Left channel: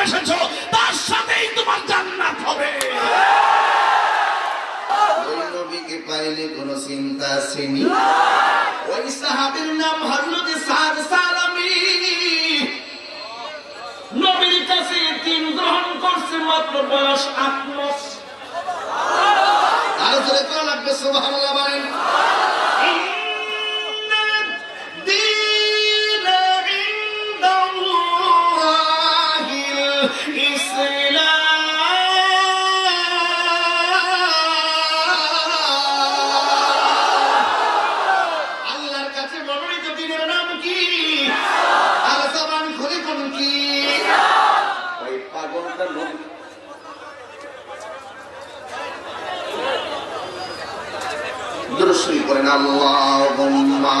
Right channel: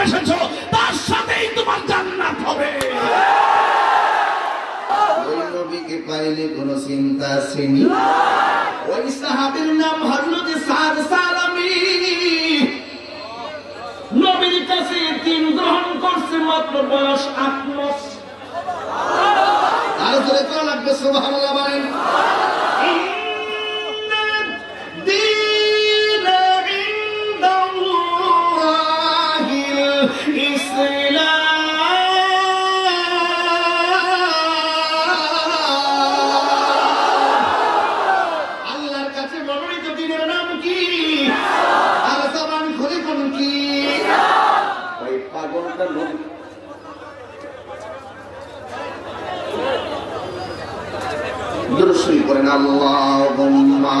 ভালোবেসেছো তার সাথেই তোমার জান্নাত হবে। ওই নবীকে পাইলে কোনো চিন্তা আসেনি। ওই সাহাবীর নাম হযরত সাদ সালামী। নবীর কাছে দিন গ্রহণ করছে মাত্র বয়স 8 মাস। আরো জোরে করা লাগবে সুবহানাল্লাহ বলেন। আল্লাহর কাছে মনোনীত দিনের নাম কি? আর জবান খুলে কোন কি? ওই পাগলটা নবী দুরূদ পড়েন আল্লাহুম্মা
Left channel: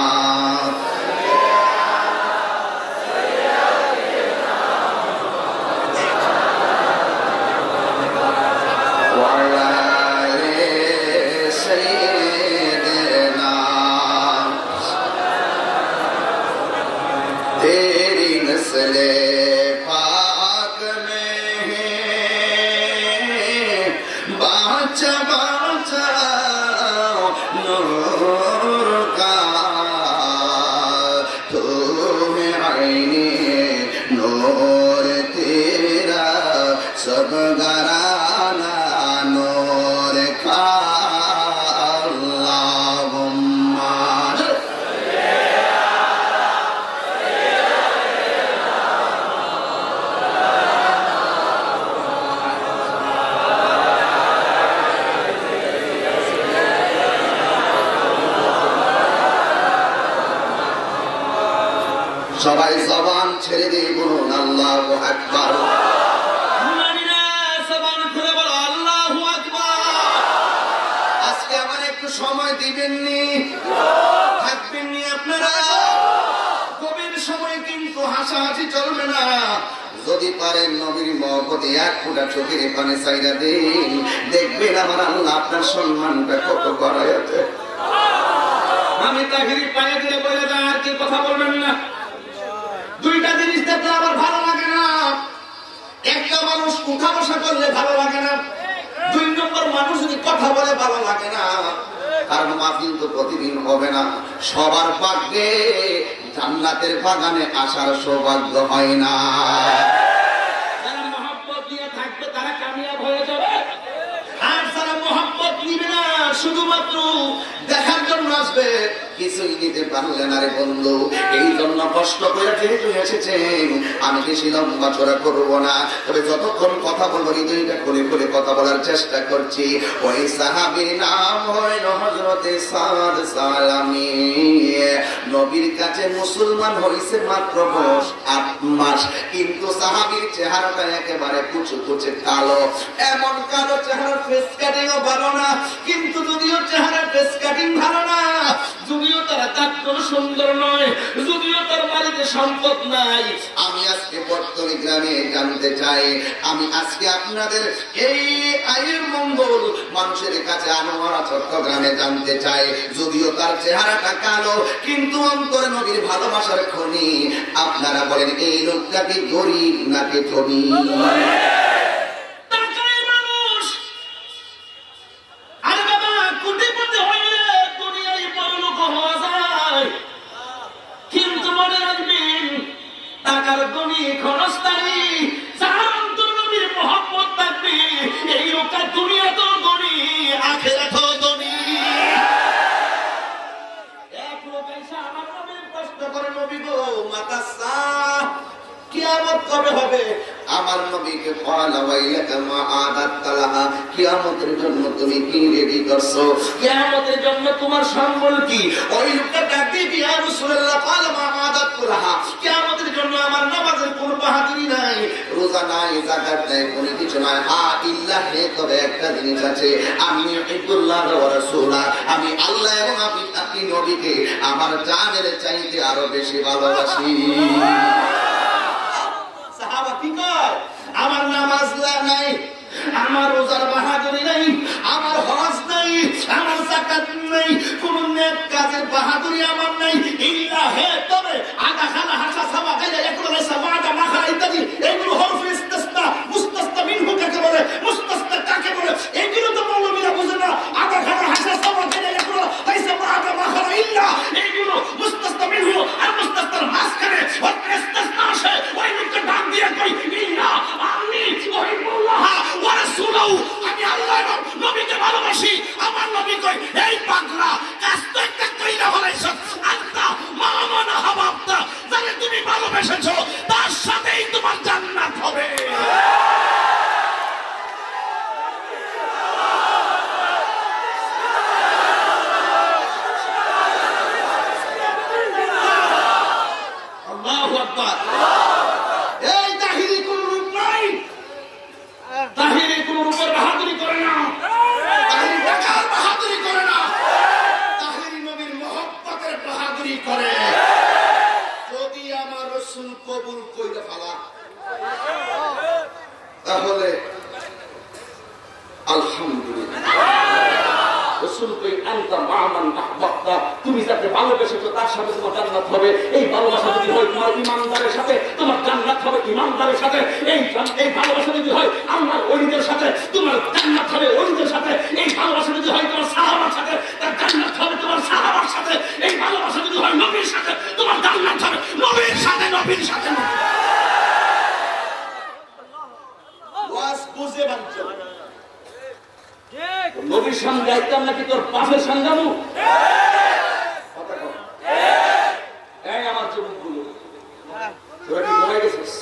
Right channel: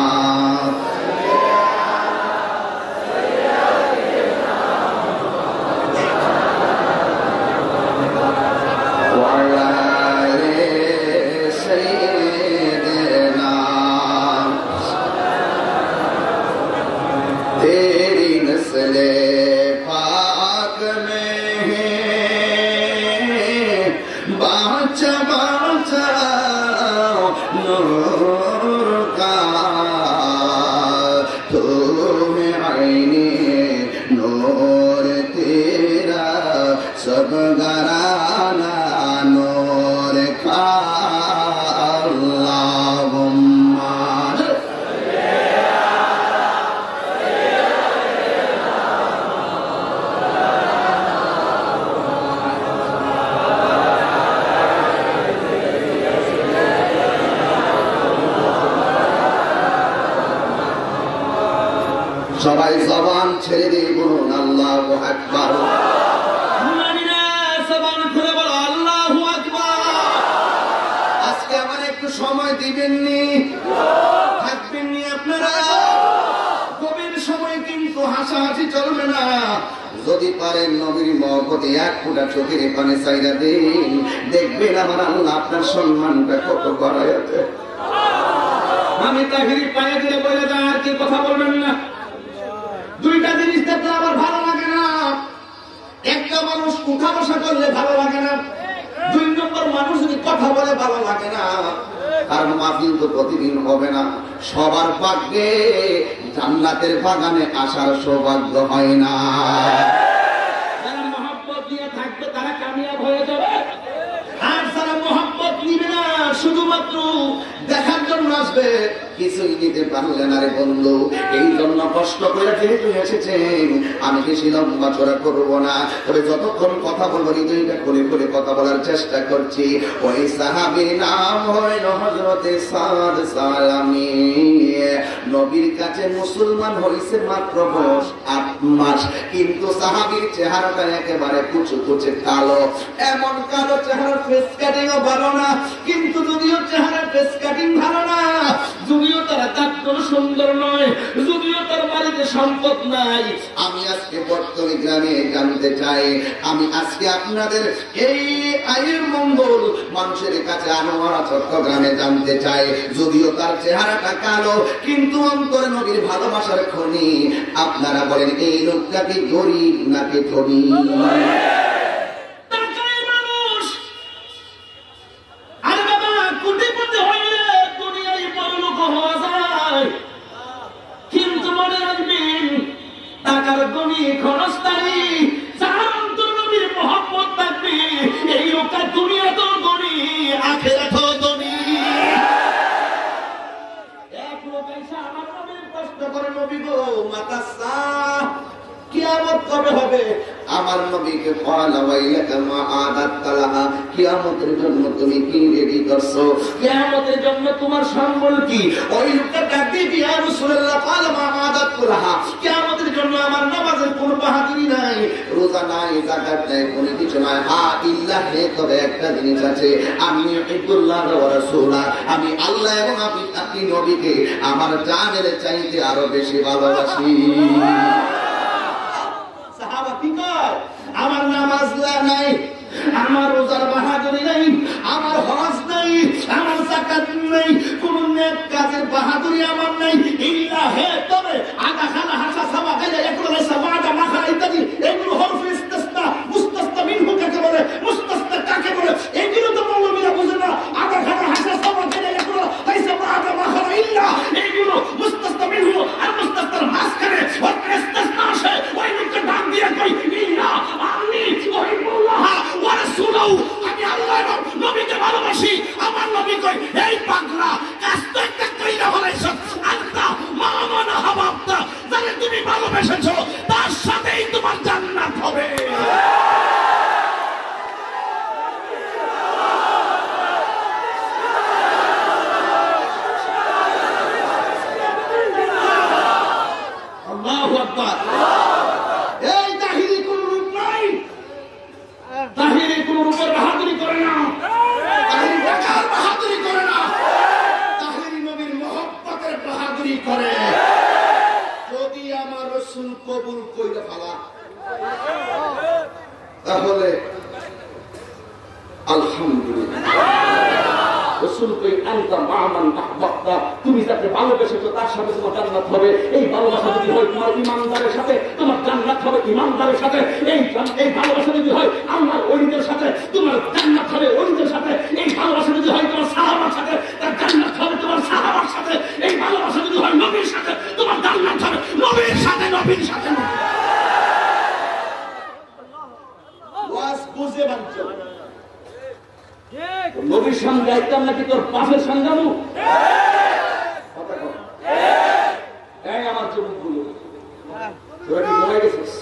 সবাই জবান ছেড়ে দিয়ে বলুন আল্লাহু আকবার। জবান খুলে বলো আল্লাহু আকবার। আজকে আমার একটু সময় দিবেননি, থাকবেননি আপনারা। গভীর সময় কিন্তু হাসাহাসি চলবে না। যদি পারেন নবীর মহব্বতে 1 ফোঁটা চোখের পানি চাইরা দিন, দেখবেন আমার আল্লাহ আপনার সম্মানটা কত বাড়াইছে। আমি তাহিরি পায়ে দিয়ে বলে যায় আর কি কথা বলবেন না। দুইটা জিনিস দেখতে আমার ভালো লাগে না। একটা মানুষ উঠা বসা করলে ভালো লাগে না, 2 নম্বর মানুষ যদি কথা বলে ভালো লাগে না। কারণ মাহফিল তো প্রতিদিন হবে না, সবার ভাগ্যে জান্নাতের বাগানে আসার সৌভাগ্য হয় না। যারা মহব্বত দিয়ে থাকবে তারা কামিয়াব হয়ে যাবে, আর যারা মহব্বত নিবে না শুধুমাত্র দেখার জন্য আসবে, কিছুই নিতে পারলে না রে বন্ধু। এই জন্য কষ্ট করে যেহেতু এসেছেন, আমি বেশি লম্বা চড়া করবো না, তবে যতক্ষণ কথা বলবো হৃদয়টা খুলে খুলে কথা বলার চেষ্টা করছি। ওই সাহাবীর নাম হইল হযরতে সাদ সালামী। নবীর কাছে মুসলমান হইছে মাত্র বয়স 8 মাস, কিন্তু সাহাবীর চেহারাটা একেবারে কুচু কুচে কালো। এমন কালো চেহারা, ফেস কাটিংও ভালো না। কিন্তু যদিও চেহারা ফেস কাটিং ভালো না, যদিও তারা তার সুন্দর নয়, যদিও তার বাড়িতে সম্পদ নাই, আমি আজকে বর্তনী গ্রামে জানতে চাই, আমি আজকে আপনাদের এই আয়ের মঙ্গল মানুষের কাছে আনোয়ারা চট্টগ্রামে জানতে চাই। যদিও তার চেহারাটা কালো, কিন্তু অন্তরে নবীর ভালোবাসার খনি। আপনারা বলেন এই লোকটা কি গরিব নাকি ধনী? কিন্তু মনে রাখবেন টাকার ধনী ক্ষণস্থায়ী, যার অন্তর নবীর মহব্বত থাকবে এই লোকটা দুনিয়াতেও ধনী আখিরাতেও ধনী। এক লোক এসে আমার নবীর প্রশ্ন করে, নবী গো মাতাসা কিয়ামত কবে হবে? আমার নবীকে কিয়ামতের জন্য তুমি কি রেডি করছো? কিয়ামতের জন্য তোমার সম্বল কি? ওই লোকটা ডাকতে কি ইয়া রাসূলুল্লাহ কিয়ামতের জন্য আমার নামাজের কোনো বাহাদুরি নাই, রোজা নাই, যাকাত নাই, কোনো কিছু নাই। ইল্লাহ হে, তবে একটা জিনিস আছে, আমি ইবুল্লাহ ওয়া রাসূলা, আমি আল্লাহ এবং আপনি নবীকে আমার জানের চাইতে আরো বেশি ভালোবাসি। সাহাবা কি কয়? আমার নামাজ নাই, আমার রোজার বাহাদুরি নাই, আমার হজ নাই, আমার যাকাত নাই, কোন নেক কাজের বাহাদুরি আমার নাই। ইল্লাহ হে, তবে আগা খালা হাসা সাবা গাইয়া এগুলো সাবা আগা মাখা ইত্যাদি এগুলো হরফ ইস্তিসনা রাসূল কই আনতা মা'মান আহবাবতা, তুমি যাকে ভালোবেসেছো তার সাথে তোমার জান্নাত হবে। এই ভালোবাসা যদি হয় তোমার ঈমানদারের সাথে, তোমার জান্নাত হবে ঈমানদারের সাথে। এই ভালোবাসা যদি হয় আল্লাহর ওলিদের সাথে, তোমার জান্নাত হবে ওলিদের সাথে। এই ভালোবাসা যদি হয় তোমার সাহাবার সাথে, তার জান্নাত হবে তোমার সাহাবার সাথে। এই ভালোবাসা যদি হয় নবীর সাথে, তোমার জান্নাত হবে নবীর সাথে, নবীর সাথে। বুঝে বাঞ্চ নবীর সামনে যাইতাম নাকি তোর পাশের সামনে? এই আমার যুবকগুলো, তোরা কি ঘুমাই গেছিস?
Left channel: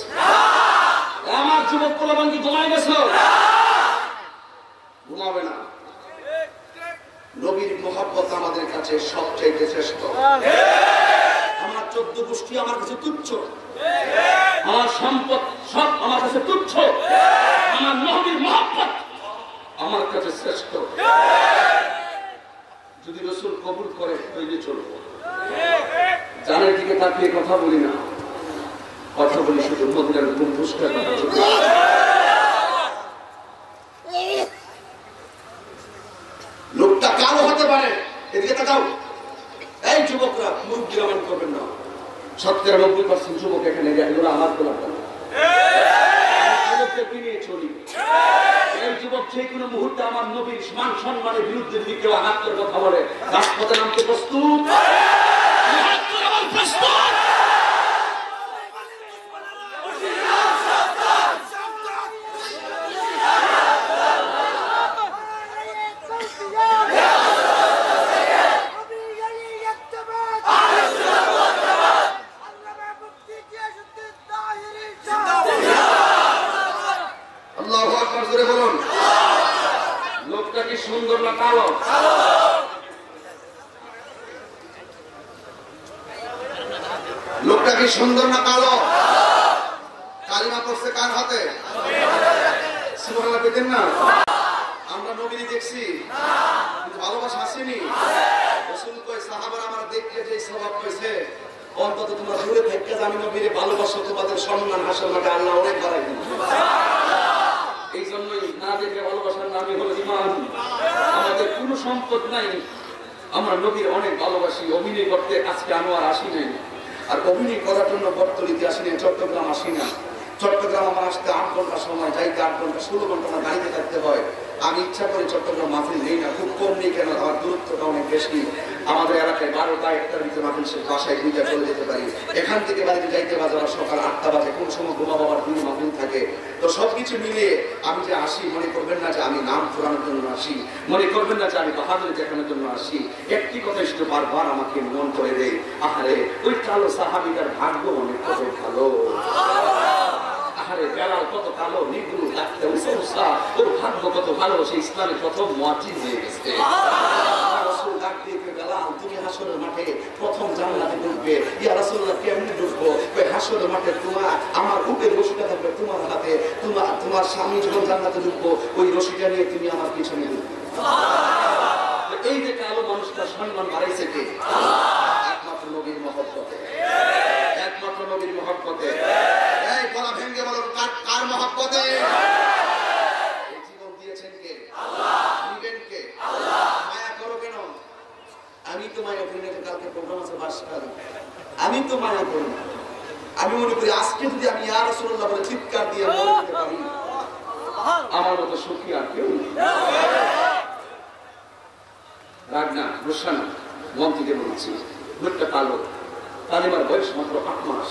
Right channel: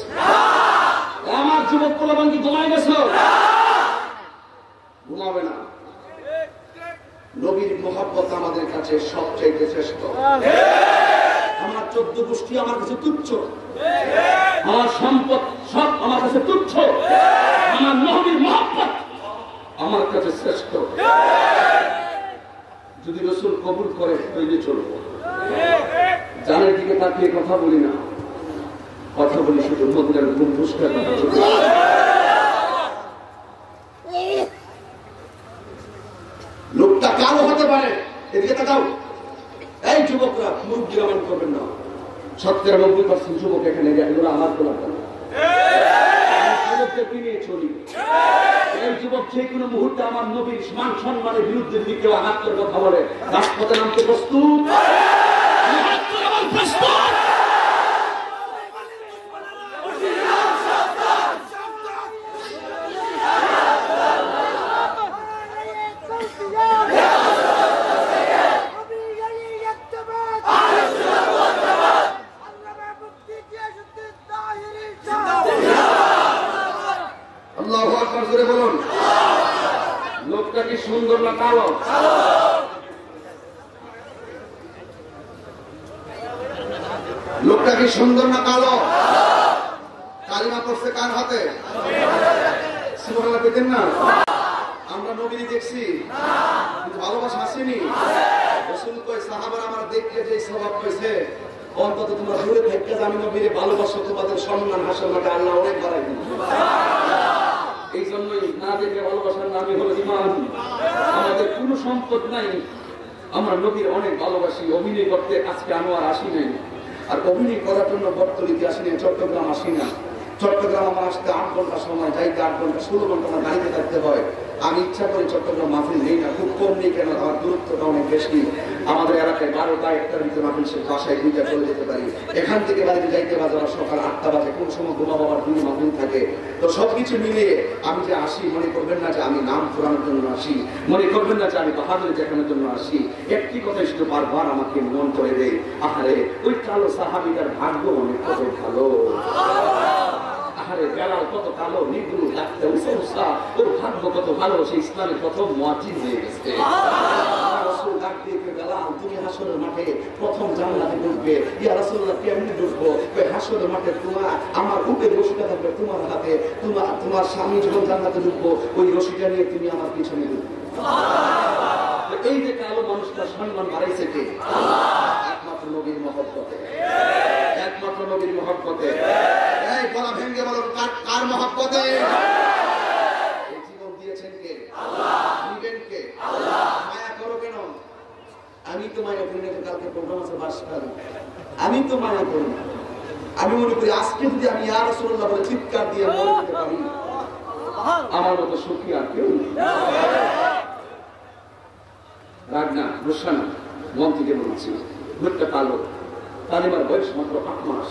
আমার যুবক পোলাপান কি ঘুমাই গেছ? ঘুমাবে না। নবীর মহব্বত আমাদের কাছে সবচেয়ে শ্রেষ্ঠ। আমার 14 গোষ্ঠী আমার কাছে তুচ্ছ, আমার সম্পদ সব আমার কাছে তুচ্ছ, আমার নবীর মহব্বত আমার কাছে শ্রেষ্ঠ। যদি রাসূল কবুল করে তৈরি চলবো। জানের দিকে তাকিয়ে কথা বলি না, কথা বলি শুধু মদিনার গম্বুজটার কথা। লোকটা কালো হতে পারে, এদিকে তাকাও। এই যুবকরা মুরব্বী আমল করবেন না। 97% যুবক এখানে এগুলো আমার তোলা নিয়ে চলি। এই যুবক যে কোনো মুহূর্তে আমার নবীর মান সম্মানের বিরুদ্ধে যদি কেউ আঘাত করে কথা বলে, রাজপথে নামতে প্রস্তুত। লোকটা কি সুন্দর না কালো? লোকটা কি সুন্দর না কালো? কালিমা করছে কার হাতে? সুবহানাল্লাহ পেতেন না? আমরা নবীকে দেখছি, কিন্তু ভালোবাসা আসেনি। রাসূল কয় সাহাবারা আমার দেখে যে স্বভাব পেয়েছে, অন্তত তোমরা দূরে থেকে আমি নবীরে ভালোবাসো, তোমাদের সম্মান হাসর মাঠে আল্লাহ অনেক বাড়াই দিন। এই জন্যই না দেখে ভালোবাসার নামই হলো ঈমান। আমাদের কোনো সম্পদ নাই, আমরা নবীর অনেক ভালোবাসি। অভিনয় করতে আজকে আনোয়ার আসি নাই, আর অভিনয় করার জন্য বর্তলিতে আসি নাই, চট্টগ্রাম আসি না। চট্টগ্রাম আমার আসতে 8 ঘন্টা সময়, যাইতে 8 ঘন্টা 16 ঘন্টা আমার গাড়িতে থাকতে হয়। আমি ইচ্ছা করে চট্টগ্রাম মাহফিল নেই না, খুব কম নেই, কেন আমার দূরত্বটা অনেক বেশি। আমাদের এলাকায় 12টা 1টার ভিতরে মাহফিল শেষ, বাসায় 2টা চলে যেতে পারি। এখান থেকে বাড়িতে যাইতে বাজে সকাল 8টা বাজে, কোন সময় ঘুমা বাবার 2 মাহফিল থাকে। তো সবকিছু মিলিয়ে আমি যে আসি, মনে করবেন না যে আমি নাম ফোরানোর জন্য আসি, মনে করবেন না যে আমি বাহাদুরি দেখানোর জন্য আসি। একটি কথা শুধু বারবার আমাকে মন করে দেয়, আহারে ওই কালো সাহাবীটার ভাগ্য অনেক কত ভালো। আহারে বেলাল কত কালো, নিগুলো ডাকতে উসা, ওর ভাগ্য কত ভালো, সে ইসলামের প্রথম মুয়াজ্জিন হয়ে গেছে। রাসূল ডাক দিয়ে বেলাল, তুমি হাসরের মাঠে প্রথম জান্নাতে ঢুকবে। ইয়া রাসূলুল্লাহ কেমনে ঢুকবো? কই হাসরের মাঠে তোমার আমার উটের রশিটা থাকবে তোমার হাতে, তোমার স্বামী যখন জান্নাতে ঢুকবো ওই রশিটা নিয়ে তুমি আমার পিছনে ঢুকবে। এই যে কালো মানুষটা সম্মান বাড়াইছে কে? একমাত্র নবীর মহব্বতে, একমাত্র নবীর মহব্বতে। এই গলা ভেঙে বলো কার মহব্বতে? জীবন দিয়েছেন কে? আল্লাহ। দিবেন কে? আল্লাহ। মায়া করো কেন? আমি তো মায়া করি না। কালকে প্রোগ্রাম আছে ভাষণ, আমি তো মায়া করি না। আমি মনে করি আজকে যদি আমি ইয়া রাসূলুল্লাহ বলে চিৎকার দিয়ে বলতে পারি, আমার মতো সুখী আর কেউ নেই। রাগ না, গুসা না, মন থেকে বলছি। লোকটা কালো, তালিমার বয়স মাত্র 8 মাস।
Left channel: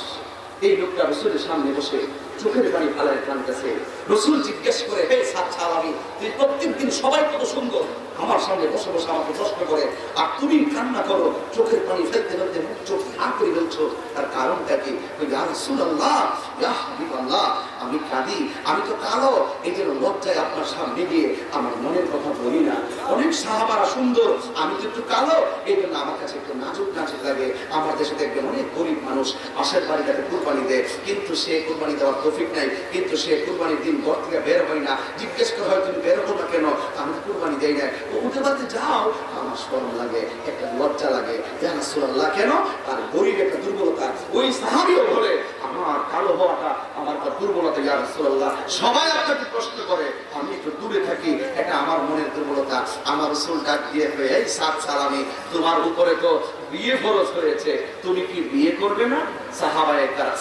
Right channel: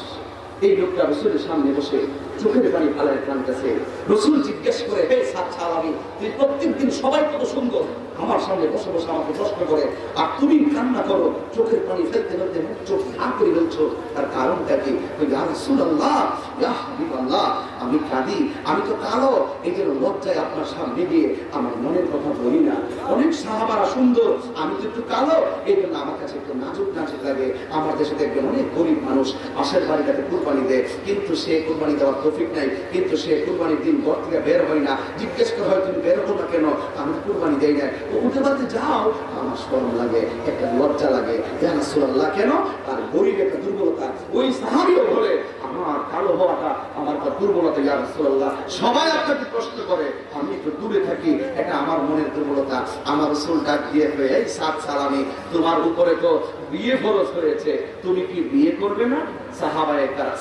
এই লোকটা রাসূলের সামনে বসে চোখের পানি ফালায় কাঁদতেছে। রাসূল জিজ্ঞেস করে, হে সাহাবী, তুই প্রত্যেকদিন সবাই কত সুন্দর আমার সামনে বসে বসে আমাকে প্রশ্ন করে, আর তুমি কান্না করো, চোখের পানি ফেলতে ফেলতে মুখ চোখ ভাগ করে ফেলছো, তার কারণটা কি? ইয়া রাসূলুল্লাহ, ইয়া হাবিবাল্লাহ, আমি কাঁদি, আমি তো কালো, এই জন্য লজ্জায় আপনার সামনে গিয়ে আমার মনের কথা বলি না। অনেক সাহাবারা সুন্দর, আমি তো একটু কালো, এই জন্য আমার কাছে একটু নাজুক নাজুক লাগে। আমার দেশে দেখবেন অনেক গরিব মানুষ পাশের বাড়িটাকে কুরবানি দেয়, কিন্তু সে কুরবানি দেওয়ার তৌফিক নাই, কিন্তু সে কুরবানির দিন ঘর থেকে বের হয় না। জিজ্ঞেস করা হয় তুমি বের হো না কেন? আমি কুরবানি দেই না। উঠে বাড়তে যাও, আমার শরম লাগে, একটা লজ্জা লাগে। ইয়া রাসূলুল্লাহ কেন? আর গরিব একটা দুর্বলতা। ওই সাহাবীও বলে, আমি আমার কালো হওয়াটা আমার দুর্বলতা ইয়া রাসূলুল্লাহ। সবাই আপনাকে প্রশ্ন করে, আমি একটু দূরে থাকি, এটা আমার মনের দুর্বলতা। আমার রাসূল ডাক দিয়ে কয়, এই সাত সালামি, তোমার উপরে তো বিয়ে ফরজ হয়েছে, তুমি কি বিয়ে করবে না?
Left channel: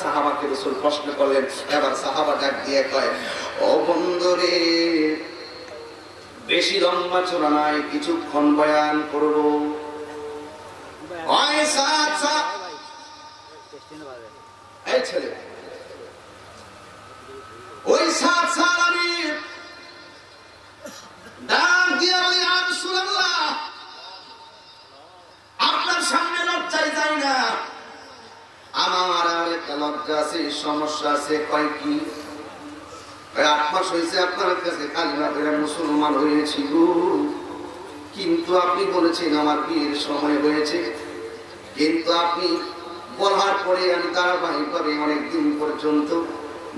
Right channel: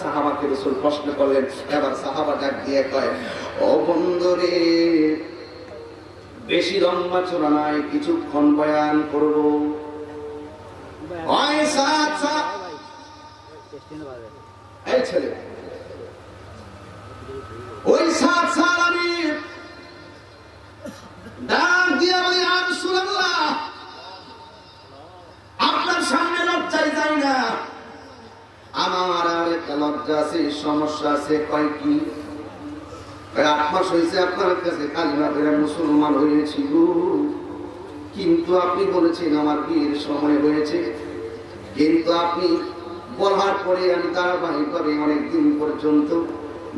সাহাবাকে রাসূল প্রশ্ন করলেন। এবার সাহাবা ডাক দিয়ে কয়, ও বন্ধুরে, বেশি লম্বা চোরা নাই, কিছুক্ষণ বয়ান করব। এই ছেলে, ওই সাত সালামি ডাক দিয়ে বলি, ইয়া রাসূলুল্লাহ, আপনার সামনে লজ্জায় যাই না, আমার আর একটা লজ্জা আছে, সমস্যা আছে। কয় কি? 8 মাস হয়েছে আপনার কাছে কালিমা পড়ে মুসলমান হয়েছি গো, কিন্তু আপনি বলেছেন আমার বিয়ের সময় হয়েছে, কিন্তু আপনি বলার পরে আমি ধারাবাহিক ভাবে অনেকদিন পর্যন্ত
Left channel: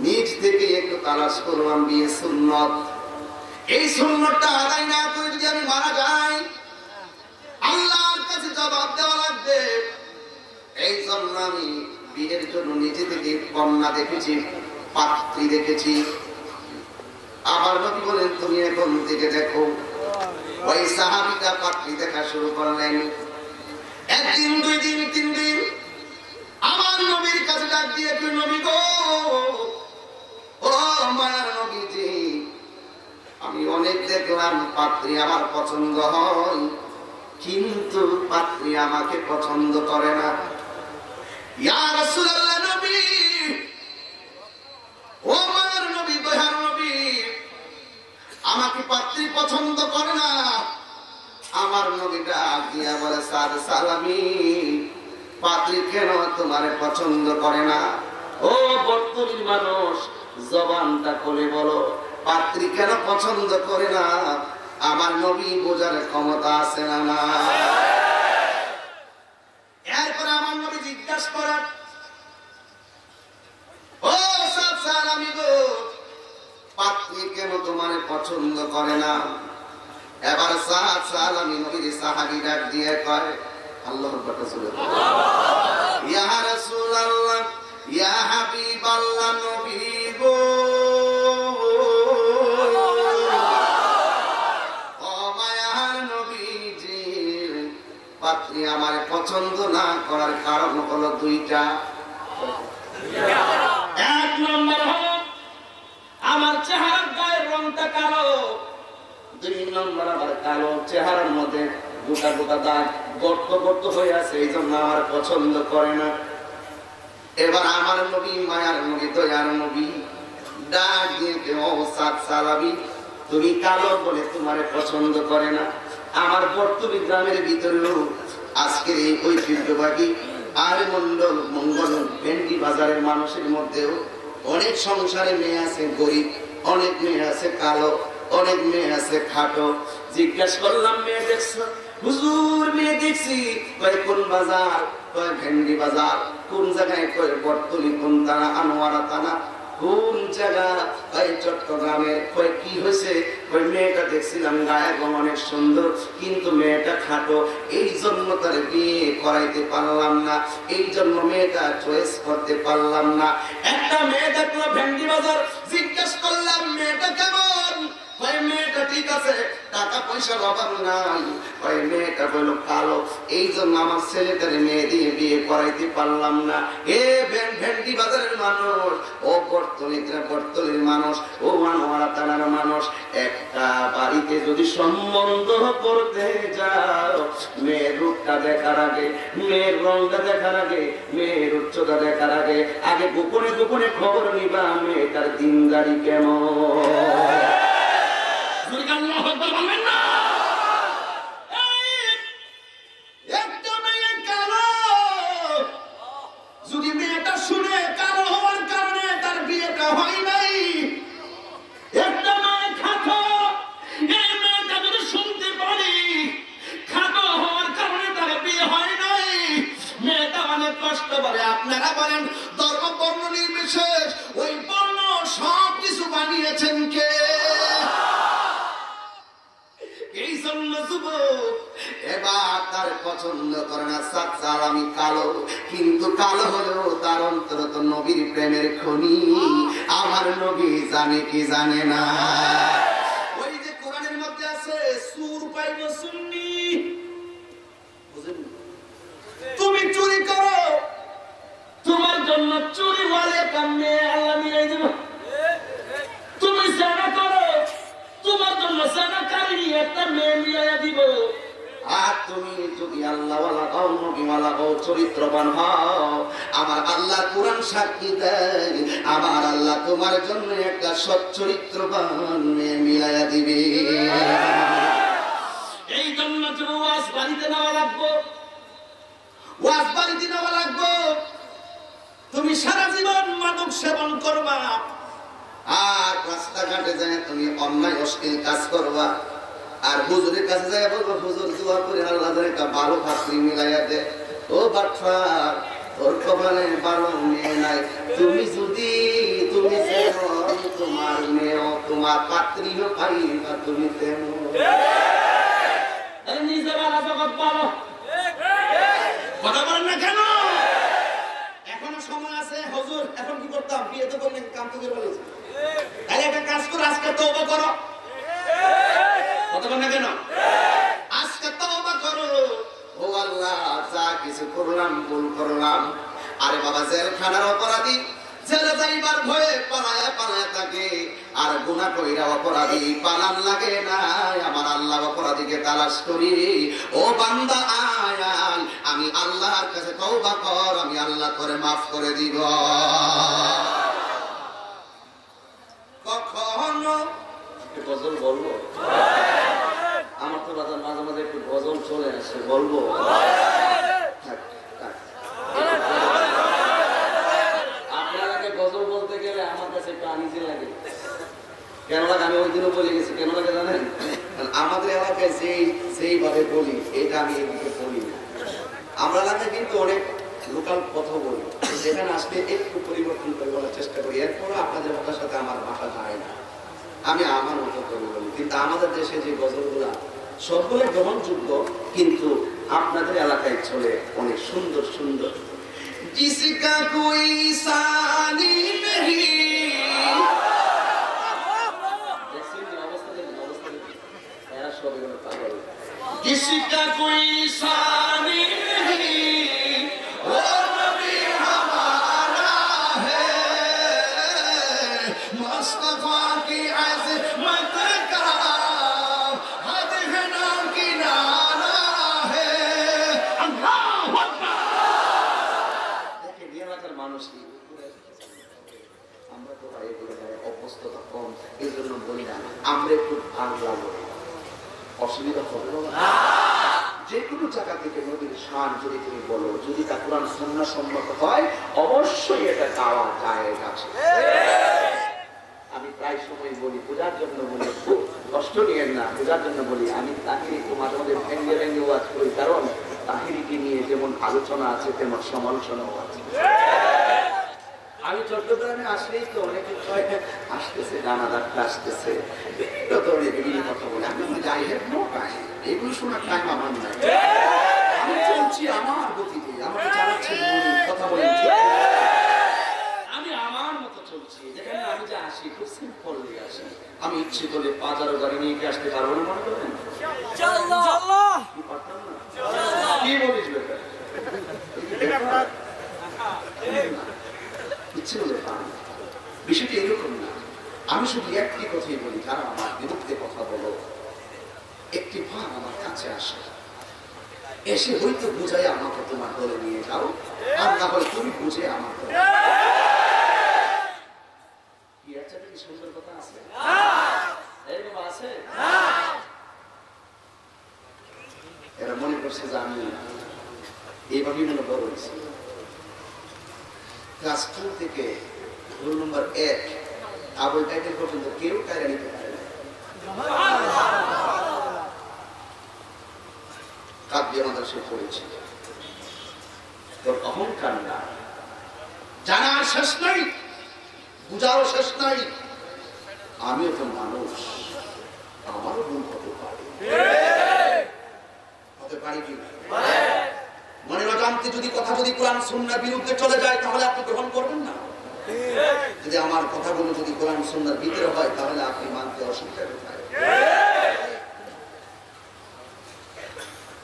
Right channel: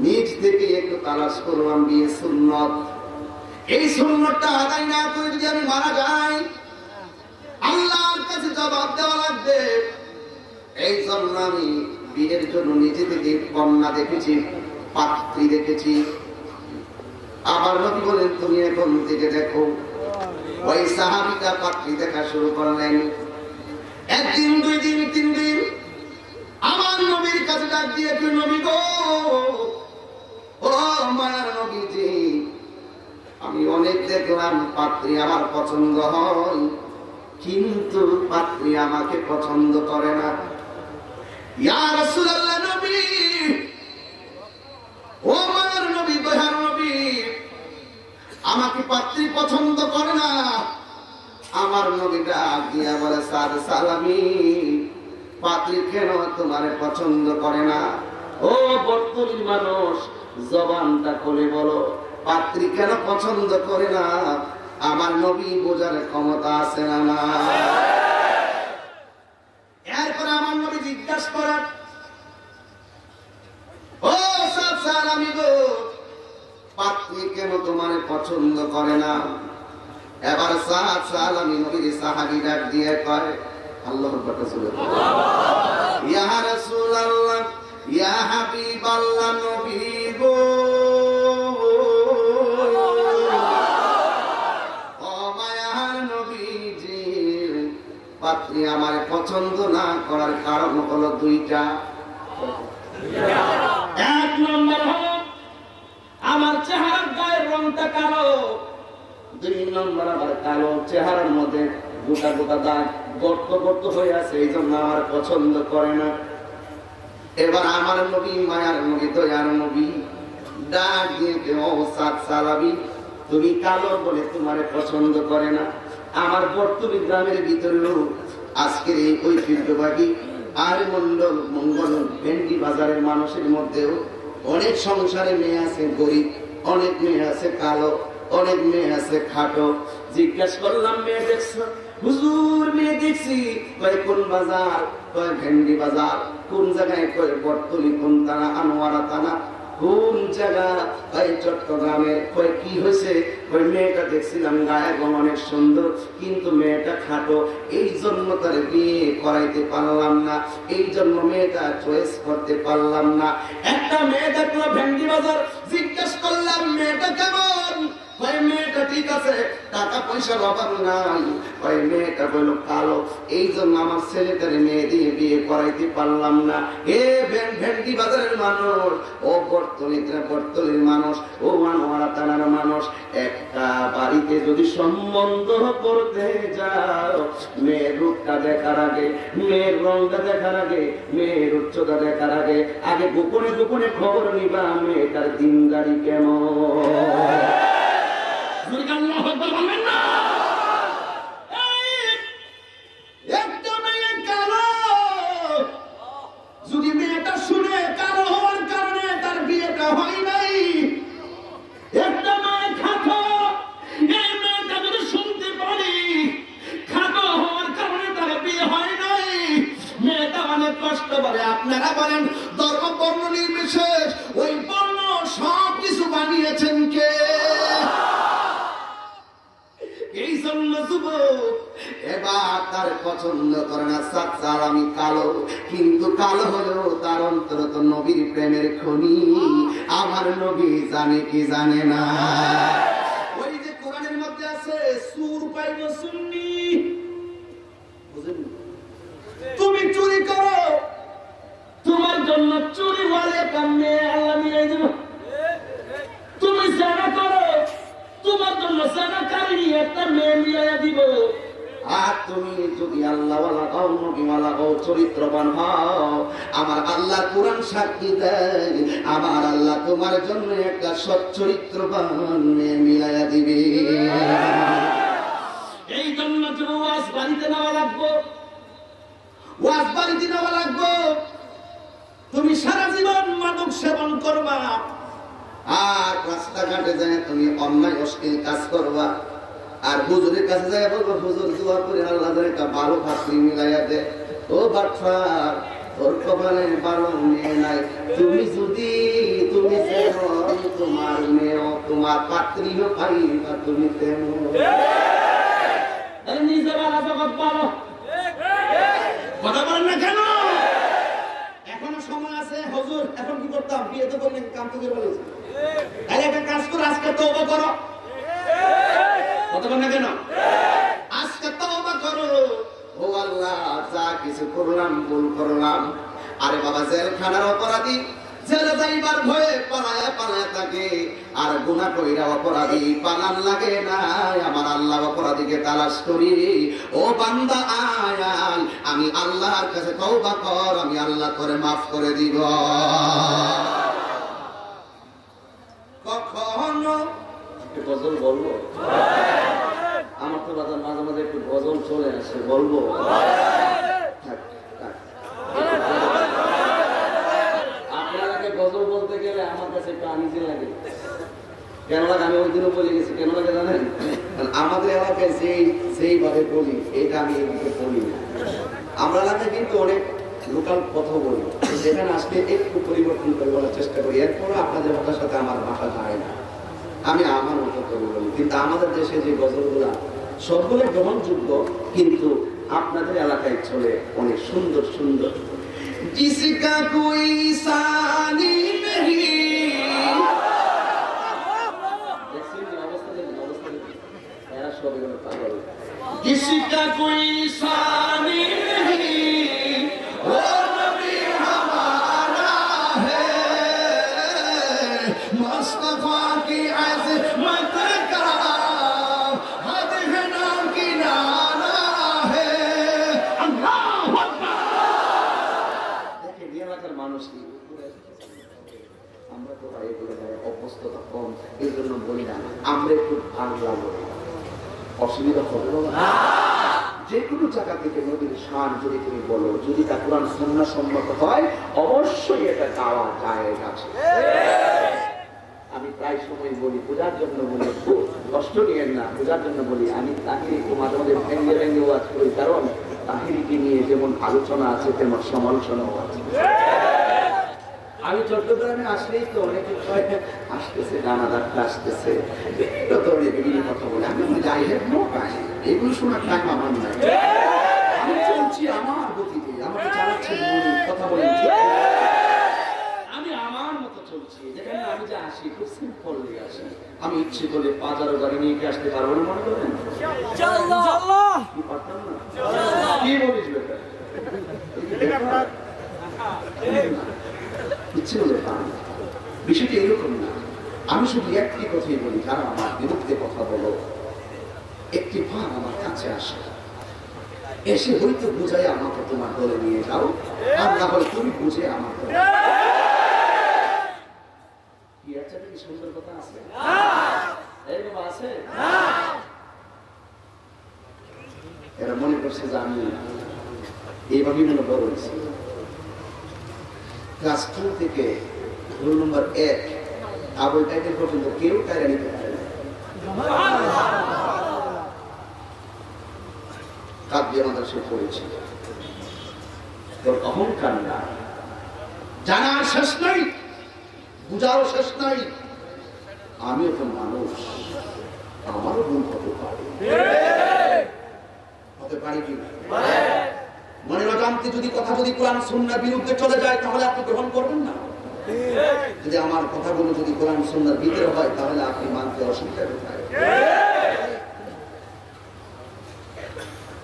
নিজ থেকে একটু তালাশ করলাম বিয়ে সুন্নত। এই সুন্নতটা আদায় না করে যদি আমি মারা যাই, আল্লাহর কাছে জবাব দেওয়া লাগবে। এই জন্য আমি বিয়ের জন্য নিজে থেকে কন্যা দেখেছি, পাত্রী দেখেছি। আবার নবী বলেন, তুমি এখন থেকে দেখো। ওই সাহাবীটা পাত্রী দেখা শুরু করলেন। 1 দিন 2 দিন 3 দিন আমার নবীর কাছে ডাক দিয়ে, তুই নবী গো, ও মায়ার নবীজি, আমি অনেক দেখলাম পাত্রী আমার পছন্দ হয়, কিন্তু পাত্রী আমাকে পছন্দ করে না। ইয়া রাসূলুল্লাহ, নবী, ও মায়ার নবী, দয়ার নবী, আমাকে পাত্রী পছন্দ করে না। আমার নবীটা দিয়া বলে, সাদ সালামি, পাত্রী কেন তোমার পছন্দ করে না? ও বর্তমানের মানুষ, জবানটা খুলে বলো, পাত্রী কেন পছন্দ করে না? আমার নবী বোঝার ক্ষমতা আছে না? না। এরপরে আমার নবী জিজ্ঞাসা করেন, ও সাদ সালামি গো, পাত্রী কেন তোমার পছন্দ করে না? এবার সাদ সালামি নবীর সাহাবী ডাক দিয়ে কয়, আল্লাহর কথা শুনে, ইয়া রাসূলুল্লাহ, ইয়া হাবিবাল্লাহ, নবী গো, ও মায়ার নবীজি, পাত্রী আমার পছন্দ না করার কারণ হলো 2টা। 1 নম্বর হলো আমার চেহারার গায়ের রংটা কালো, 2 নম্বর আমার কালো চেহারার মধ্যে গোটা গোটা দাগ, গর্ত গর্ত হয়ে আছে, এই জন্য আমার পছন্দ করে না। এবার আমার নবী, মায়ার নবী, দয়ার নবী ডাক দিয়ে, ও সাদ সালামি, তুমি কালো বলে তোমার পছন্দ করে না। আমার বর্তমান গ্রামের ভিতরেও আজকের এই ঐতিহ্যবাহী আর মঙ্গল ভেন্ডি বাজারের মানুষের মধ্যেও অনেক সংসারে মেয়ে আছে গরিব, অনেক মেয়ে আছে কালো, অনেক মেয়ে আছে খাটো। জিজ্ঞাসা করলাম, মেয়ে দেখছো? হুজুর, মেয়ে দেখছি। কয় কোন বাজার? কয় ভেন্ডি বাজার। কোন জায়গায়? কয় বর্তলি, কোন তারা, আনোয়ারা তারা। কোন জায়গা? কয় চট্টগ্রামের। কয় কি হয়েছে? কয় মেয়েটা দেখছিলাম গায়ের রং অনেক সুন্দর, কিন্তু মেয়েটা খাটো, এই জন্য তার বিয়ে করাইতে পারলাম না, এই জন্য মেয়েটা চয়েস করতে পারলাম না। একটা মেয়ে দেখলো ভেন্ডি বাজার। জিজ্ঞাসা করলাম, মেয়েটা কেমন? কয় মেয়েটা ঠিক আছে, টাকা পয়সার অভাব নাই। কয় মেয়েটা বলল কালো, এই জন্য আমার ছেলেটার মেয়ে দিয়ে বিয়ে করাইতে পারলাম না। এ ভেন্ডি বাজারের মানুষ, ও বর্তলির মানুষ, ও আনোয়ারা থানার মানুষ, একটা বাড়িতে যদি সম্বন্ধ করতে যাও, মেয়ের রূপটা দেখার আগে, মেয়ের রংটা দেখার আগে, মেয়ের উচ্চতা দেখার আগে, আগে গোপনে গোপনে খবর নিবা মেয়েটার দিনদারি কেমন। একটা মেয়ে কালো, যদি মেয়েটা শুনে কালো হওয়ার কারণে তার বিয়েটা হয় নাই। একটা মেয়ে খাটো, এই মেয়েটা যদি শুনতে পারি খাটো হওয়ার কারণে তার বিয়ে হয় নাই, মেয়েটা অনেক কষ্ট পারে। আপনারা বলেন, ধর্ম বর্ণ নির্বিশেষ ওই বর্ণ সব কিছু বানিয়েছেন কে? পছন্দ করে না, সাচ্চাল আমি কালো, কিন্তু কালো হলেও তার অন্তর তো নবীর প্রেমের খনি। আমার নবী জানে কি জানে না? ওই যে কোরআনের মধ্যে আছে সুর পাইব সুন্নি, বুঝেন? তুমি চুরি করো, তোমার জন্য চুরি ওয়ালে কামে আল্লাহ মিলাই দেব। তুমি সেনা করো, তোমার জন্য সেনাকারী একটা মেয়ে মিলাইয়া দিব। আর তুমি যদি আল্লাহওয়ালা হও, নবীওয়ালা হও, চরিত্রবান হও, আমার আল্লাহ কোরআন সাক্ষী দেয়, আমার আল্লাহ তোমার জন্য একটা সচ্চরিত্রবান মেয়ে মিলাইয়া দিবে। এই জন্য তুমি ওয়াজ বাড়িতে নেওয়া লাগবো, ওয়াজ বাড়িতে নেওয়া লাগবো। তুমি সারা জীবন মাদক সেবন করবা, আর রাস্তাঘাটে যায় তুমি অন্যায় অশ্লীল কাজ করবা, আর হুজুরের কাছে যায় বলবো হুজুর দোয়া করে আল্লাহ একটা ভালো পাত্রী মিলাইয়া দে। ও বাটফার, তোর কপালে ভালো মেয়ে নাই, তুমি যদি তুমি যেমন তোমার মেয়েও তোমার পাত্রীও পাইবা তুমি তেমন। নিজে বালা জগৎ পালো, কথা বলেন না কেন? এখনো সময় আছে হুজুর, এখন কি করতাম? বিয়ে তো করলেন, কাম তো করে বলেছে, তাহলে একটা কাজ করো, আজকে তওবা করো। কথা বলেন না কেন? আজকে তওবা করো। ও আল্লাহ, যা কিছু করলাম ভুল করলাম। আরে বাবা, জেলখানার অপরাধী জেলে যাইবার ভয়ে পালায়া পালায়া থাকে, আর গুনাহ কইরা অপরাধী পালান লাগে না। আমার আল্লাহ অপরাধীকে তালাশ করি। ও বান্দা আয় আয়, আমি আল্লাহর কাছে তওবা কর, আমি আল্লাহ করে মাফ করে দিব। কখনো গজল বলবো? আমার তো মাঝে মাঝে একটু গজল চলে আসে, বলবো? আপনারাকে গজল বলতে গেলে আমার কাছে একটু আনিজি লাগে। কেন লাগে? আমি ওই দিনও বলে গেছি। কেন লাগে জানেন? আমাদের এলাকায় যেইভাবে বলি, এটা আমি এদিকে বলি না। আমরা এলাকায় কিন্তু অনেক লোকাল কথা বলি, যেখানে আসলে একটু পরিবর্তন করে বলার চেষ্টা করি। এরপরও আপনাদের ভাষার সাথে আমার ভাষা যায় না, আমি আমার মতো করে বলি। কিন্তু আমাদের দেশে যে গজলগুলা সবগুলো গ্রহণযোগ্য, কিন্তু আপনাদের এলাকায় চলে অনেক সুন্দর সুন্দর। जिसका कोई सानी नहीं, किसका कोई सानी नहीं, वो नबी हमारा है, मुस्तफा की अज़मत का हद है ना किनारा है। अल्लाहु अकबर। দেখেন এই এলাকার মানুষ কি, আমরা তো এগুলো অভ্যস্ততা কম, এই জন্য বলি না। আমরা একটু বাংলা বলি, অসুবিধা হবে না। যে কোনো জায়গা থেকে নবীর শান যদি তুমি বলো, যদি তা কোরআন সুন্নাহ সম্মত হয়, অবশ্যই এটা গাওয়া যায় আছে। আমি প্রায় সময় বলি, বোঝার জন্য বলি, খুব কষ্ট নিয়েন না, বোঝার জন্য বলি। আমি তাহিরি তোমার মধ্যে ভেঙ্গে ভেঙ্গে ওয়াজ করি, কারণ তাহিরিকে নিয়ে যেমন আলোচনা আছে তেমন সমালোচনাও আছে। আমি চট্টগ্রামে আসলেই তো অনেকে আসতেছে, নানা ডাক্তার আসতেছে, বিভিন্ন ধরনের বিভিন্ন কথা বলে। আমি যাই হেড নো টাইম, এগুলো শোনার টাইম আমার নাই। আমি চলছি আমার গতিতে, আমাকে চালাচ্ছে কথা বলেন, আমি আমার মতো চলছি। যেখানে আমি যে আসি খুব সিম্পল দিয়ে আসি। আমি ইচ্ছে করলে 5,000 গাড়ি নিয়ে কি আসতে পারবো না মনে করেন? কি পারতাম না? কি বলিস বেটা? ইচ্ছে হলে পান। বিষয়টি এরকম না। আমি শুধু একটি কথাই বলি, যারা আমার বিরুদ্ধে কথা বলো, একটি ভাগ আমার কাছে আসে, এসে হয়তো বুঝাই আমাকে তোমার দলে নিয়ে যাও, আর না হয় তুমি বুঝে আমার দলে। কি একটা কি সুন্দর কথা আছে? এই বাবা আছে? এরা মনে করছে যে আমি এইভাবেই মনে বড় হয়েছি। ক্লাস 2 থেকে রোল নম্বর 1 আবল টাইটেল পর্যন্ত কেউ টাইরা নিতে পারে না। কাব্য মাদ্রাসায় পড়েছি। তোর অহংকার না, জানার শেষ নাই, বুঝারও শেষ নাই। আমিও তো মানুষ, আমারও ভুল হতে পারে। করতে পারি কিনা? মনের অজান্তে যদি কথা যদি কোরআন সুন্নাহর বিরুদ্ধে চলে যায় তাহলে আপনি গ্রহণ করবেন না। যদি আমার কথাগুলো যদি কোরআন সুন্নাহর ভিতরে হয় তাহলে আপনি মানতে অসুবিধা কোথায়?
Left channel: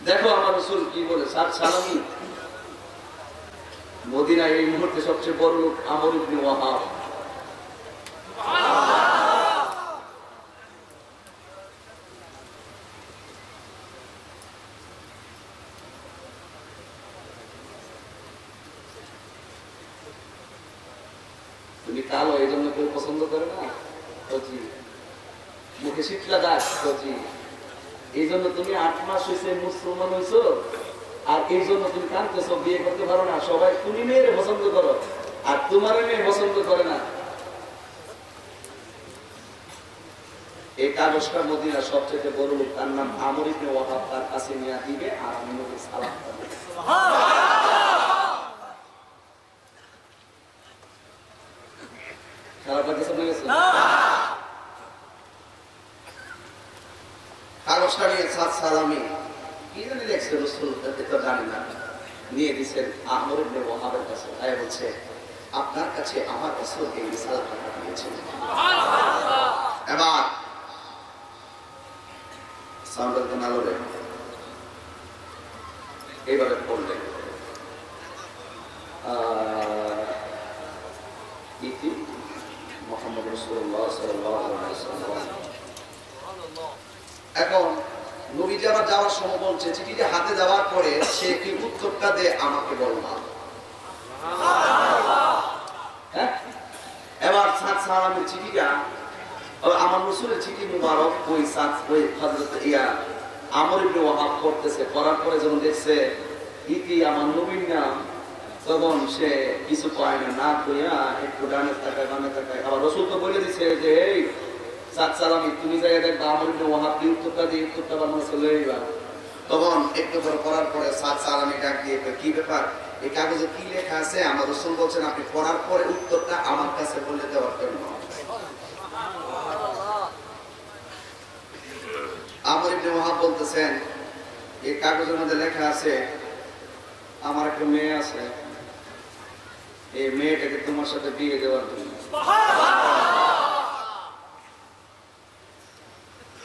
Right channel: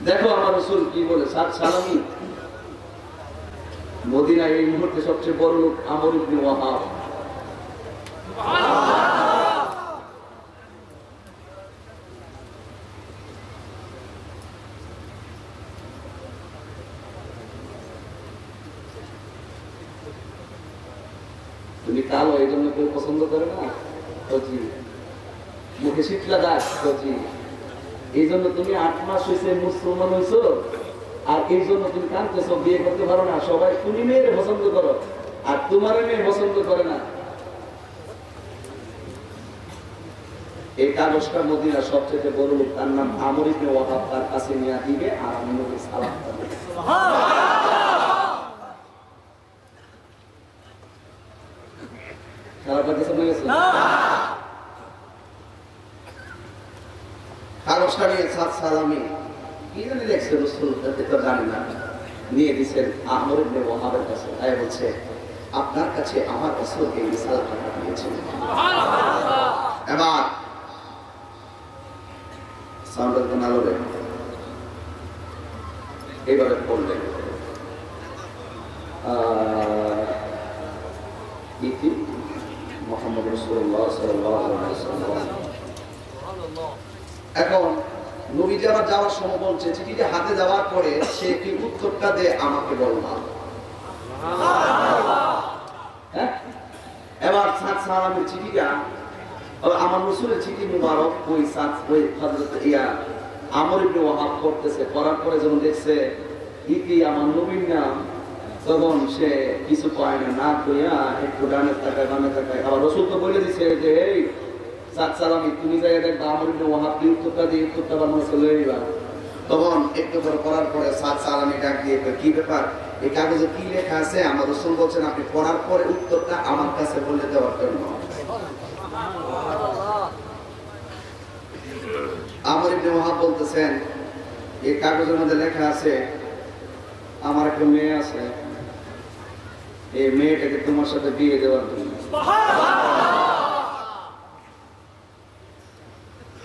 দেখো আমার রাসূল কি বলে, সাত সালামি মদিনায় এই মুহূর্তে সবচেয়ে বড় লোক আমর ইবনে ওয়াহাব। তুমি কালো এই জন্য কেউ পছন্দ করে না, মুখে শীতলা দাগ, এই জন্য তুমি 8 মাস হয়েছে মুসলমান হয়েছো, আর এই জন্য তুমি কাঁদতেছ, বিয়ে করতে পারো না। সবাই তুমি মেয়েরে পছন্দ করো আর তোমার মেয়ে পছন্দ করে না। এই কাগজটা মদিনার সবচেয়ে বড় লোক, তার নাম আমর ইবনে ওয়াহাব, তার কাছে নিয়ে দিবে আর আমি নবী সালাম করব। খারাপ লাগছে না? কাগজটা নিয়ে সাত সালামি কি জানি দেখছে রাসূল, তো জানি না, নিয়ে দিচ্ছেন আমর ইবনে ওয়াহাবের কাছে। তাই বলছে আপনার কাছে আমার রাসূল এই রিসালাতটা দিয়েছেন। এবার সাউন্ডের কোন আলোরে এইভাবে পড়লেন, ইতি মুহাম্মদ রাসূলুল্লাহ সাল্লাল্লাহু আলাইহি ওয়াসাল্লাম। এখন নবীজি আবার যাওয়ার সময় বলছে, চিঠিটা হাতে দেওয়ার পরে সে কি উত্তরটা দে আমাকে বললাম। এবার সাত সালামের চিঠিটা, আমার রাসূলের চিঠি মুবারক ওই হযরত আমর ইবনে ওয়াহাব করতেছে, করার পরে যখন দেখছে ইতি আমার নবীর নাম, তখন সে কিছু কয় না কইয়া একটু ডানে তাকায় বামে তাকায়। আবার রাসূল তো বলে দিছে যে এই সাত সালামি তুমি যাই দেখবা আমর ইবনে ওয়াহাব কি উত্তরটা দিয়ে উত্তরটা বানানো চলে যাইবা। তখন একটু করে করার পরে সাত সালামি ডাক দিয়ে কি ব্যাপার, এই কাগজে কি লেখা আছে? আমার রাসূল বলছেন আপনি পড়ার পরে উত্তরটা আমার কাছে বলে দেওয়ার জন্য। আমর ইবনে ওয়াহাব বলতেছেন এই কাগজের মধ্যে লেখা আছে আমার একটা মেয়ে আছে, এই মেয়েটাকে তোমার সাথে বিয়ে দেওয়ার জন্য।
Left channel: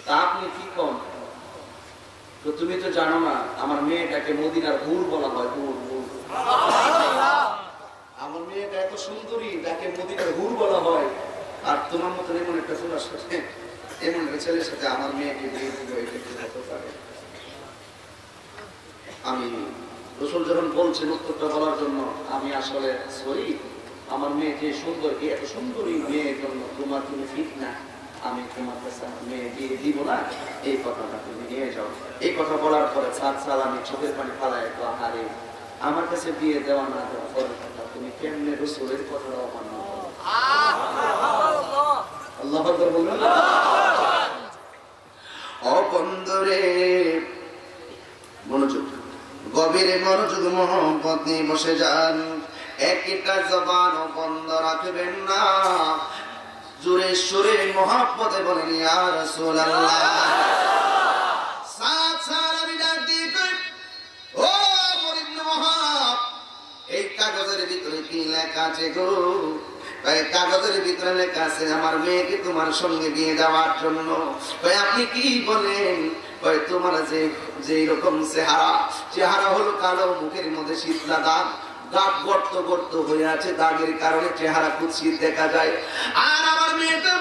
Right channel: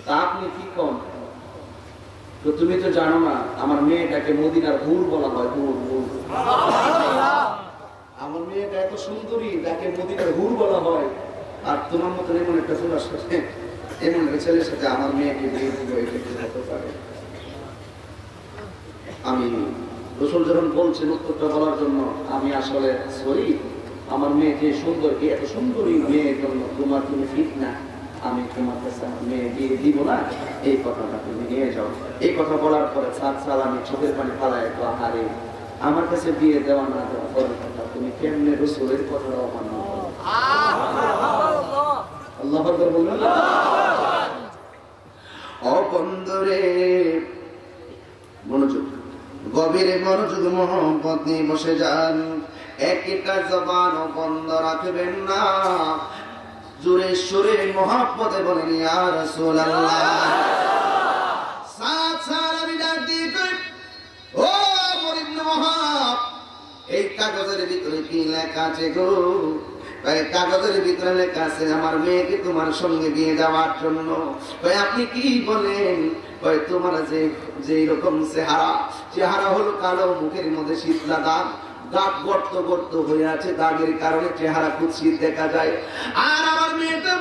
তা আপনি কি কম, তো তুমি তো জানো না আমার মেয়েটাকে মদিনার হুর বলা হয়, হুর হুর। আমার মেয়েটা এত সুন্দরী, তাকে মদিনার হুর বলা হয়, আর তোমার মতন এমন একটা ছোলার সাথে, এমন একটা ছেলের সাথে আমার মেয়েকে বিয়ে দিল, এটা কি হতে পারে? আমি রাসূল যখন বলছেন উত্তরটা বলার জন্য, আমি আসলে সরি, আমার মেয়ে যে সুন্দর, এত সুন্দরী মেয়ের জন্য তোমার তুমি ঠিক না, আমি তোমার কাছে মেয়ে বিয়ে দিব না, এই কথাটা তুমি নিয়ে যাও। এই কথা বলার পরে সাত সালামি চোখের পানি ফালায়, তো হারে আমার কাছে বিয়ে দেওয়া না দেওয়া পরের কথা, তুমি কেমনে রাসূলের কথাটা অমান্য করো? আল্লাহু আকবার বলুন। ও বন্ধুরে মনোযোগ, গভীরে মনোযোগ, মোহাম্মত নিয়ে বসে যান। একটা জবান বন্ধ রাখবেন না, জোরে সুরে মোহাম্মতে বলেন ইয়া রাসূলুল্লাহ। সাত সালামি ডাক দিয়ে ও আমর ইবনে ওয়াহাব, এই কাগজের ভিতরে কি লেখা আছে গো? এই কাগজের ভিতরে লেখা আছে আমার মেয়েকে তোমার সঙ্গে বিয়ে দেওয়ার জন্য। আপনি কি বলেন? তোমার যে রকম চেহারা হলো কালো, মুখের মধ্যে শীতলা দাগ, দাগ গর্ত গর্ত হয়ে আছে, দাগের কারণে চেহারা কুৎসিত দেখা যায়। আর আমার মেয়েটা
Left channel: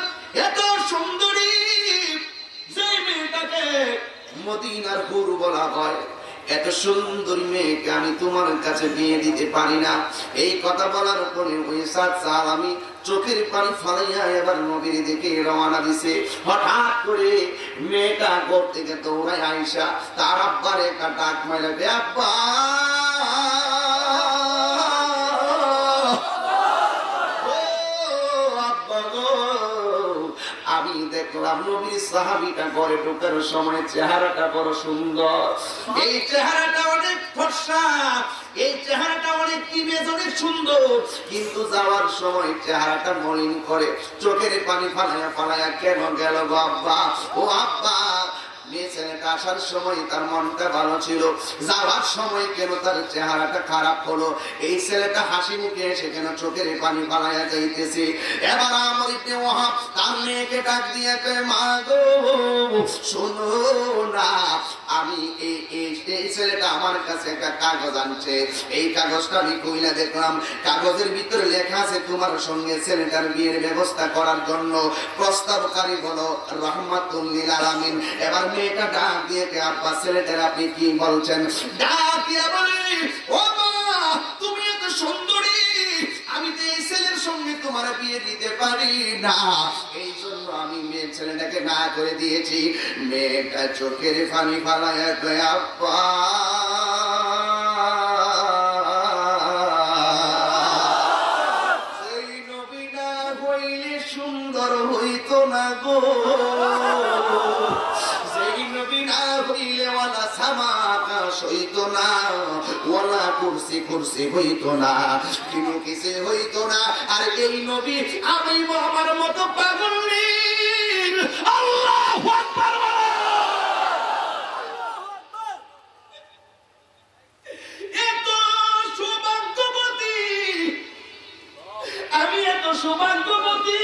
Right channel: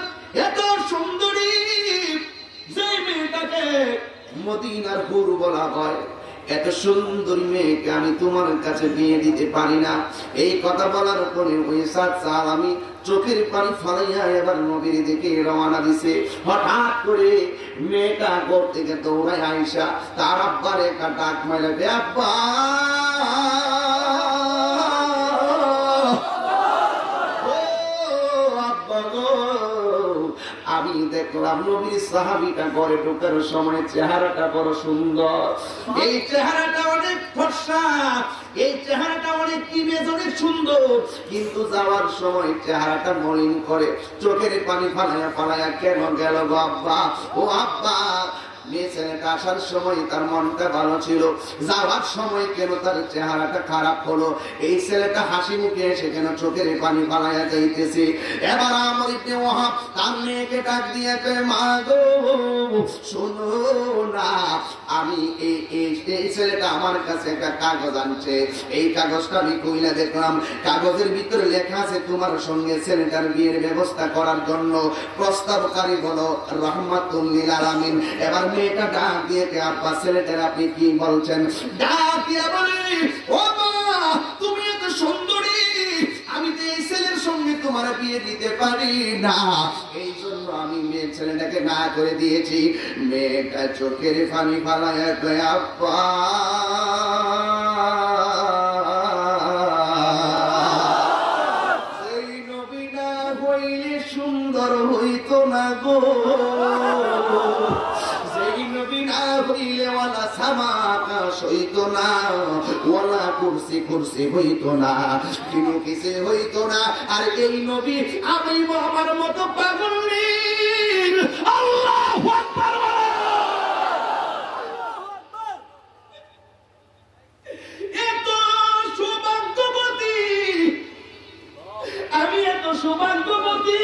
এত সুন্দরী, যে মেয়েটাকে মদিনার হুর বলা হয়, এত সুন্দর মেয়েকে আমি তোমার কাছে বিয়ে দিতে পারি না। এই কথা বলার পরে ওই সাত সালামি চোখের পানি ফালাইয়া এবার নবীর দিকে রওনা দিছে। হঠাৎ করে মেয়েটা ঘর থেকে দৌড়ায় আইসা তার আব্বার একটা ডাক মারবে, আব্বা আমি দেখলাম নবীর সাহাবীটা ঘরে ঢোকার সময় চেহারাটা বড় সুন্দর, এই চেহারাটা অনেক ফর্সা, এই চেহারাটা অনেক ইমেজ অনেক সুন্দর, কিন্তু যাওয়ার সময় চেহারাটা মলিন করে চোখের পানি ফালাইয়া ফালাইয়া কেন গেল গো আব্বা? ও আব্বা মেয়ে ছেলেটা আসার সময় তার মনটা ভালো ছিল, যাওয়ার সময় কেন তার চেহারাটা খারাপ হলো? এই ছেলেটা হাসি মুখে এসে কেন চোখের পানি পালাইয়া যাইতেছে? এবার আমর ইবনে ওয়াহাব তার মেয়েকে ডাক দিয়ে কয়, মা গো শোনো না, আমি এই ছেলেটা আমার কাছে একটা কাগজ আনছে, এই কাগজটা আমি কইলা দেখলাম, কাগজের ভিতরে লেখা আছে তোমার সঙ্গে ছেলেটার বিয়ের ব্যবস্থা করার জন্য প্রস্তাবকারী হলো রাহমাতুল লিল আলামিন। এবার মেয়েটা ডাক দিয়ে আব্বা ছেলেটার আপনি কি বলছেন? ডাক দিয়ে বলে, ও মা তুমি এত সুন্দরী, আমি তো এই ছেলের সঙ্গে তোমার বিয়ে দিতে পারি না, এই জন্য আমি মেয়ে ছেলেটাকে না করে দিয়েছি। মেয়েটা চোখের পানি ফালাইয়া কয়, আব্বা সেই নবী না হইলে সুন্দর হইতো না গো, সেই নবী না হইলে ওয়ালা সামা আকাশ হইতো না, ওয়ালা কুরসি কুরসি হইতো না, কোনো কিছু হইতো না। আর এই নবী আমি আমার মতো পাগল নেই। আল্লাহু আকবার। এত সৌভাগ্যবতী, আমি এত সৌভাগ্যবতী,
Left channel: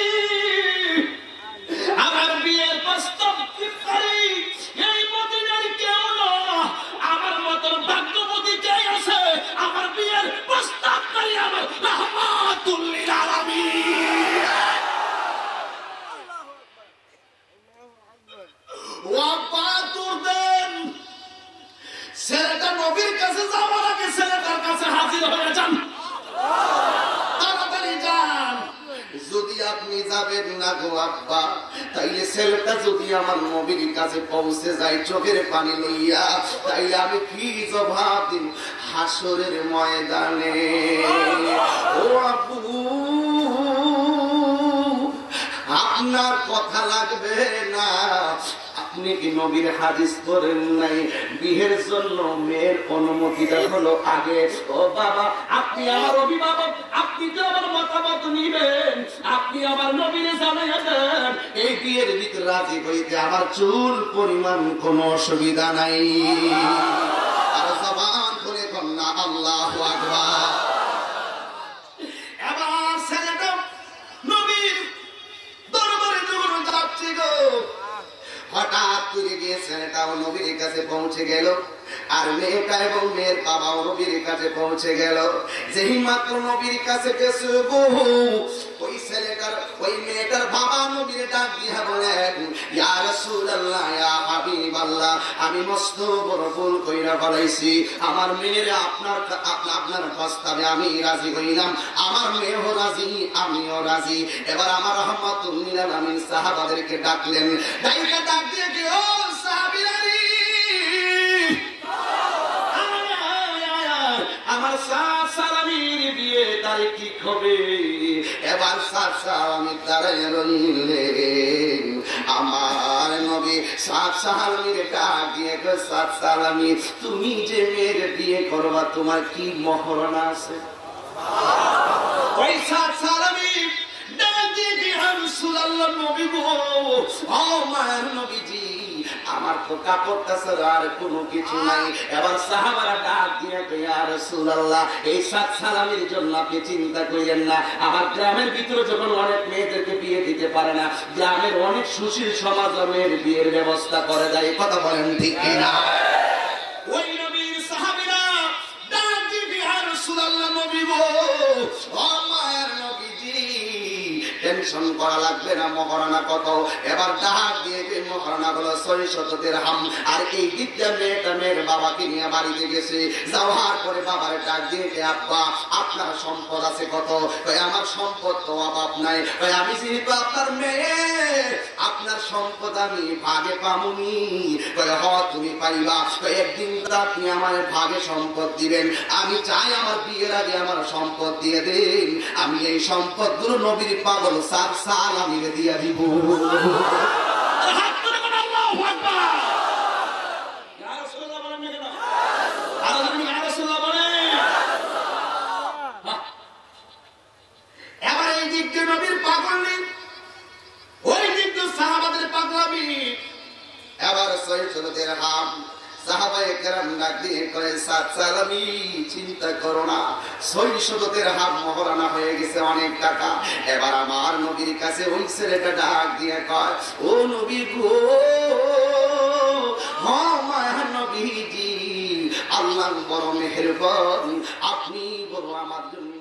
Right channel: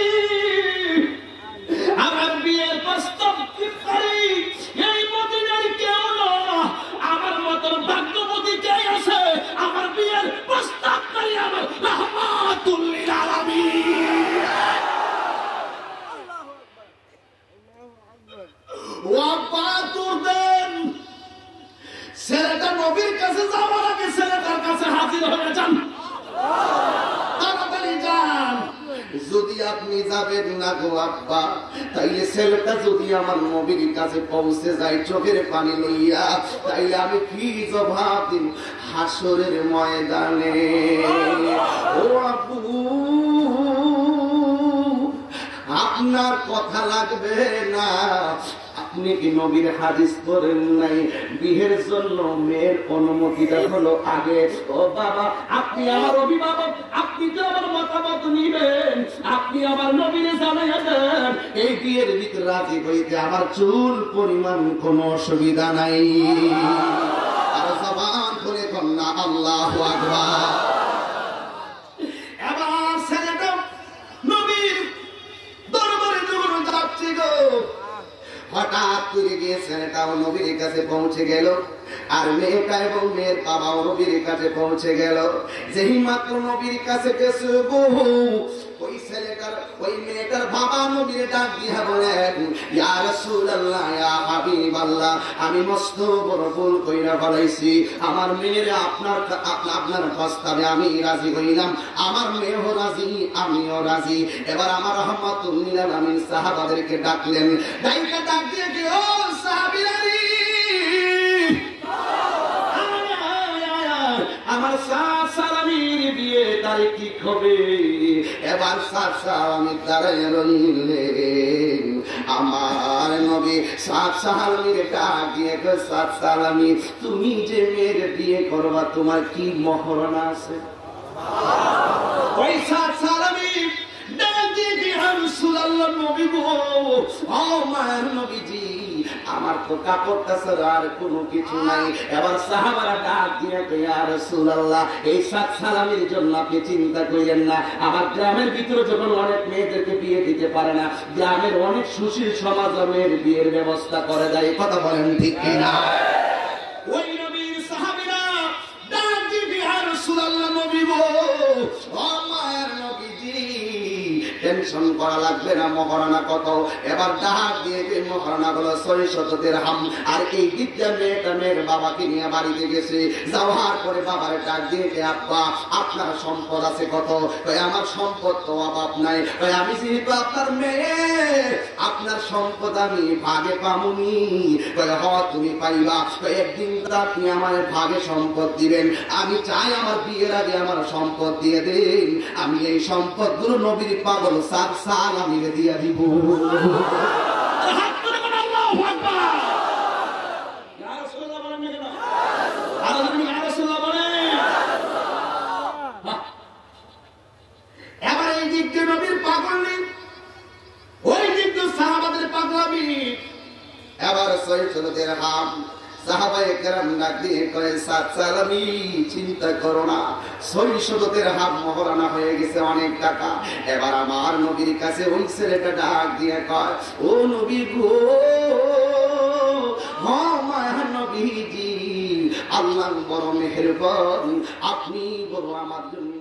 আমার বিয়ের প্রস্তাব এই মদিনার কেউ না, আমার মতন ভাগ্যবতী কে আছে? আমার বিয়ের প্রস্তাব নাই আমার রাহমাতুল লিল আলামিন। ছেলেটা নবীর কাছে যাওয়ার আগে ছেলেটার কাছে হাজির হয়ে যান, তাড়াতাড়ি যান। যদি আপনি যাবেন না গো আব্বা, তাইলে ছেলেটা যদি আমার নবীর কাছে পৌঁছে যায় চোখের পানি লইয়া, তাইলে আমি কি জবাব দিব হাসরের ময়দানে? ও আব্বু আপনার কথা লাগবে না, আপনি কি নবীর হাদিস পড়েন নাই? বিয়ের জন্য মেয়ের অনুমতিটা হলো আগে। ও বাবা আপনি আমার অভিভাবক, আপনি তো আমার মতামত নিবেন, আপনি আমার নবীর জানাইয়া দেন এই বিয়ের ভিতরে রাজি হইতে আমার চুল পরিমাণ কোনো অসুবিধা নাই। আর জবান খুলে কন্যা আল্লাহু আকবার। এবার ছেলেটা নবীর দরবারে যখন যাচ্ছে গো, হঠাৎ করে গিয়ে ছেলেটাও নবীর কাছে পৌঁছে গেল, আর মেয়েটা এবং মেয়ের বাবাও নবীর কাছে পৌঁছে গেল। যেই মাত্র নবীর কাছে গেছে গো, ওই ছেলেটার ওই মেয়েটার বাবা নবীর ডাক দিয়া বলেন, ইয়া রাসূলুল্লাহ ইয়া হাবিবাল্লাহ, আমি মস্ত বড় ভুল কইরা ফেলাইছি, আমার মেয়ের আপনার প্রস্তাবে আমি রাজি হইলাম, আমার মেয়েও রাজি আমিও রাজি। এবার আমার রাহমাতুল লিল আলামিন সাহাবাদেরকে ডাকলেন, ডাক দিয়ে কি ও সাহাবীরা, আমার সাত সালামির বিয়ে তারিখ ঠিক হবে। এবার সাত সালামির দাঁড়াইয়া রইলেন, আমার নবী সাত সালামির ডাক দিয়ে সাত সালামি, তুমি যে মেয়ের বিয়ে করবা তোমার কি মহরণা আছে? ওই সাত সালামি ডাক দিয়ে রাসূলুল্লাহ নবী গো, ও মায়ের নবীজি আমার তো কাপড়টা ছাড়া আর কোনো কিছু নাই। এবার সাহাবারা ডাক দিয়ে ইয়া রাসূলুল্লাহ এই সাত সালামির জন্য আপনি চিন্তা করেন না, আমার গ্রামের ভিতরে যখন অনেক মেয়েদেরকে বিয়ে দিতে পারে না, গ্রামের অনেক সুশীল সমাজ মেয়ের বিয়ের ব্যবস্থা করে দেয়। কথা বলেন ঠিক কিনা? ওই নবীর সাহাবীরা ডাক দিয়ে ইয়া রাসূলুল্লাহ নবী গো, ও মায়ের নবীজি টেনশন করা লাগবে না, মহারণা কত? এবার ডাক দিয়ে মহারণা হলো 600 দিরহাম। আর এই বিদ্যা মেয়েটা মেয়ের বাবাকে নিয়ে বাড়িতে গেছে, যাওয়ার পরে বাবার ডাক দিয়ে আব্বা আপনার সম্পদ আছে কত? আমার সম্পদ তো অভাব নাই, আমি যেহেতু আপনার মেয়ে আপনার সম্পদ আমি ভাগে পামুনি। তুমি পাইবা, একদিন আপনি আমার ভাগে সম্পদ দিবেন, আমি চাই আমার বিয়ের আগে আমার সম্পদ দিয়ে দেন, আমি এই সম্পদ গুলো নবীর পাগল সাত সাল আমি দিয়ে দিব। এবার এই দিক দিয়ে নবীর পাগল নেই, ওই দিক দিয়ে সাহাবাদের পাগলামি। এবার 600 দিরহাম। সাহাবায়ে কেরাম ডাক দিয়ে কয় সালামি চিন্তা করো না, 600 দিরহাম মহরানা হয়ে গেছে, অনেক টাকা। এবার আমার নবীর কাছে ওই ছেলেটা ডাক দিয়ে কয়, ও নবী গো, নবীজি, আল্লাহ বড় মেহেরবান, আপনি বড় আমার জন্য